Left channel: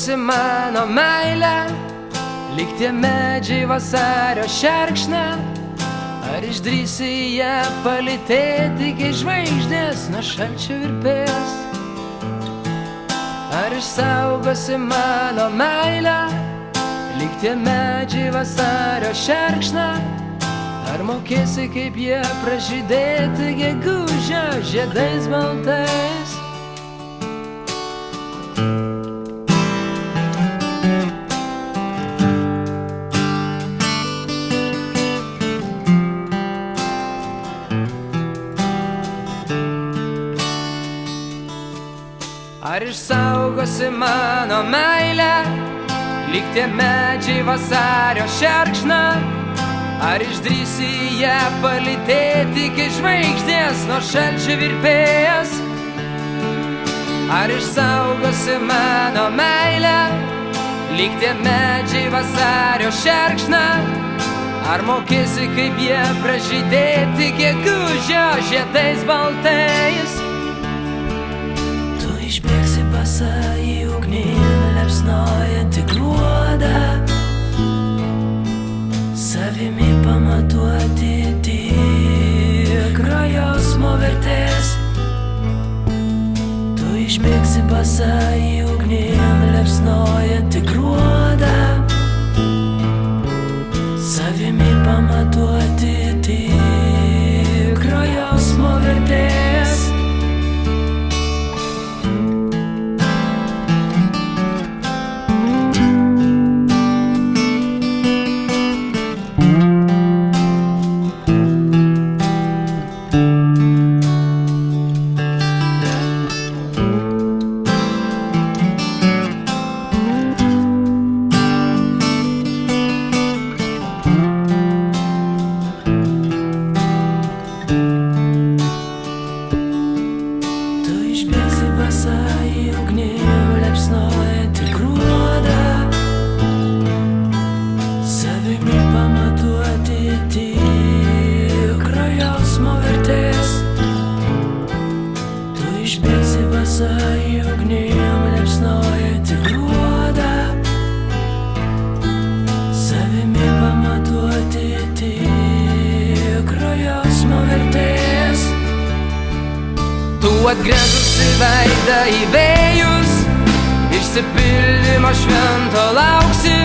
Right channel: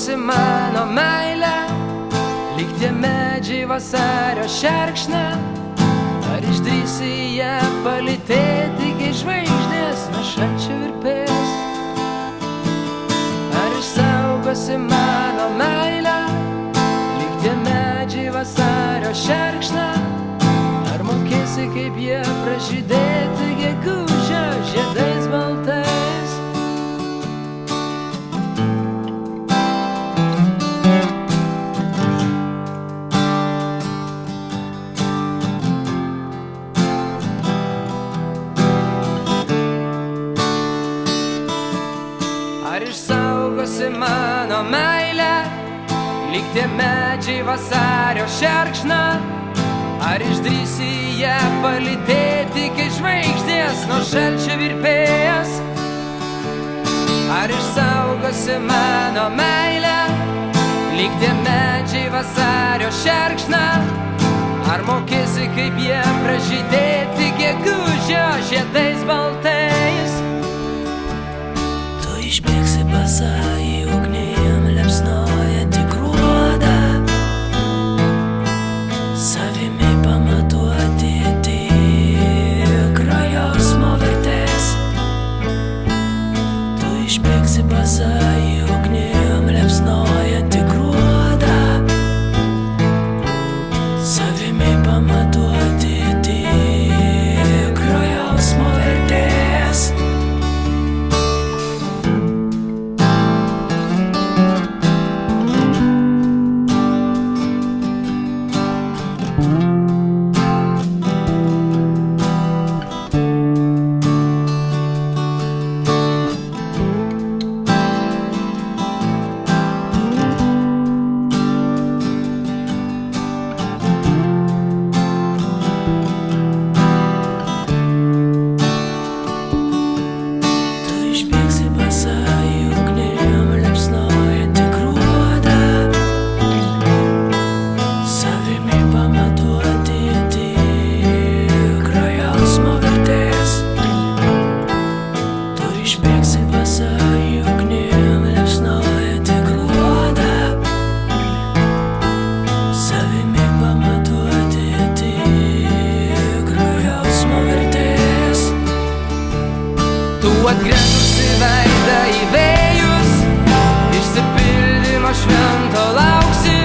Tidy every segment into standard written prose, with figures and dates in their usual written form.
išsaugosi mano meilę, lyg tie medžiai vasario šerkšną? Ar išdrįsi ją palytėti, kai žvaigždės nuo šalčio virpės? Ar išsaugosi mano meilę, lyg tie medžiai vasario šerkšną? Ar mokėsi, kaip jie pražydėti gegužę žiedais baltais? Ar išsaugosi mano meilę, lyg tie medžiai vasario šerkšną? Ar išdrįsi ją palytėti, kai žvaigždės nuo šalčio virpės? Ar išsaugosi mano meilę, lyg tie medžiai vasario šerkšną? Ar mokėsi, kaip jie pražydėti gegužę žiedais baltais? Išbėgsi basa į ugnį, liepsnojantį gruodą, savimi pamatuoti tikrą jausmo vertės. Tu išbėgsi basa į ugnį, liepsnojantį gruodą, savimi pamatuoti tikrą jausmo vertės. Tu atgręžusi veidą į vėjus, išsipildymo švento lauksi.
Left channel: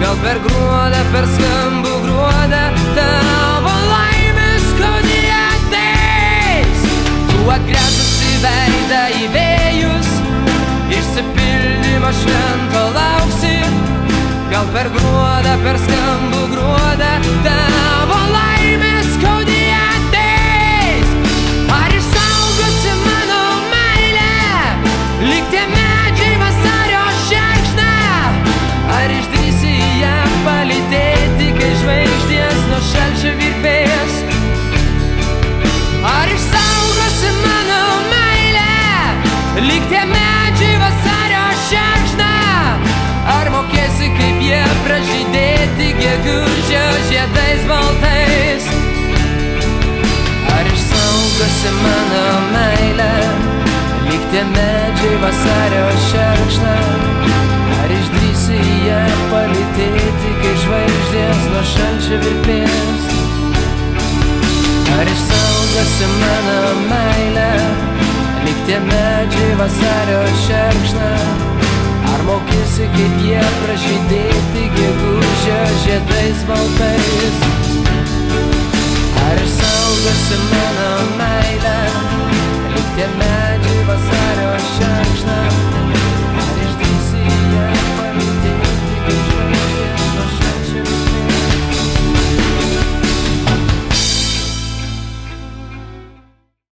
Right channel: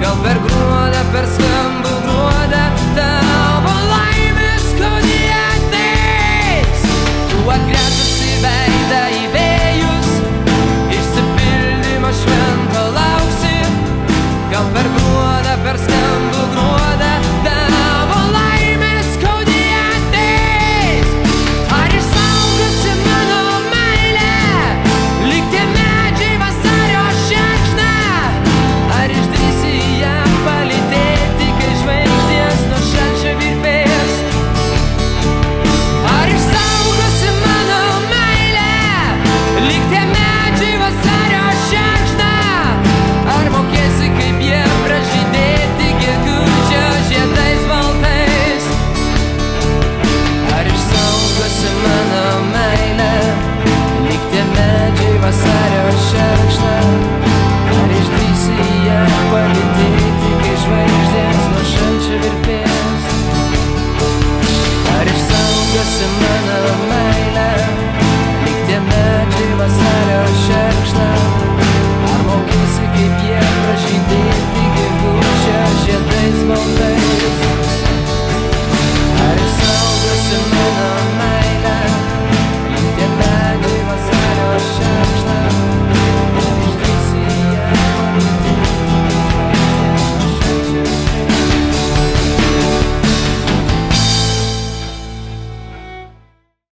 Gal per gruodą, per skambų gruodą, tavo laimės skaudi ateis. Tu atgręžusi veidą į vėjus, išsipildymo švento lauksi. Gal per gruodą, per skambų gruodą, tavo laimės skaudi ateis. Ar išsaugosi mano meilę, lyg tie medžiai vasario šerkšną? Ar išdrįsi ją palytėti, kai žvaigždės nuo šalčio virpės? Ar išsaugosi mano meilę, lyg tie medžiai vasario šerkšną? Ar mokėsi, kaip jie pražydėti gegužę žiedais baltais? Ar išsaugosi mano meilę, lyg tie medžiai vasario šerkšną? Ar išdrįsi ją palytėti, kai žvaigždės nuo šalčio virpės? Ar išsaugosi mano meilę, lyg tie medžiai vasario šerkšną? Ar mokėsi, kaip jie pražydėti gegužę žiedais baltais? Ar išsaugosi mano meilę, lyg tie medžiai vasario šerkšną?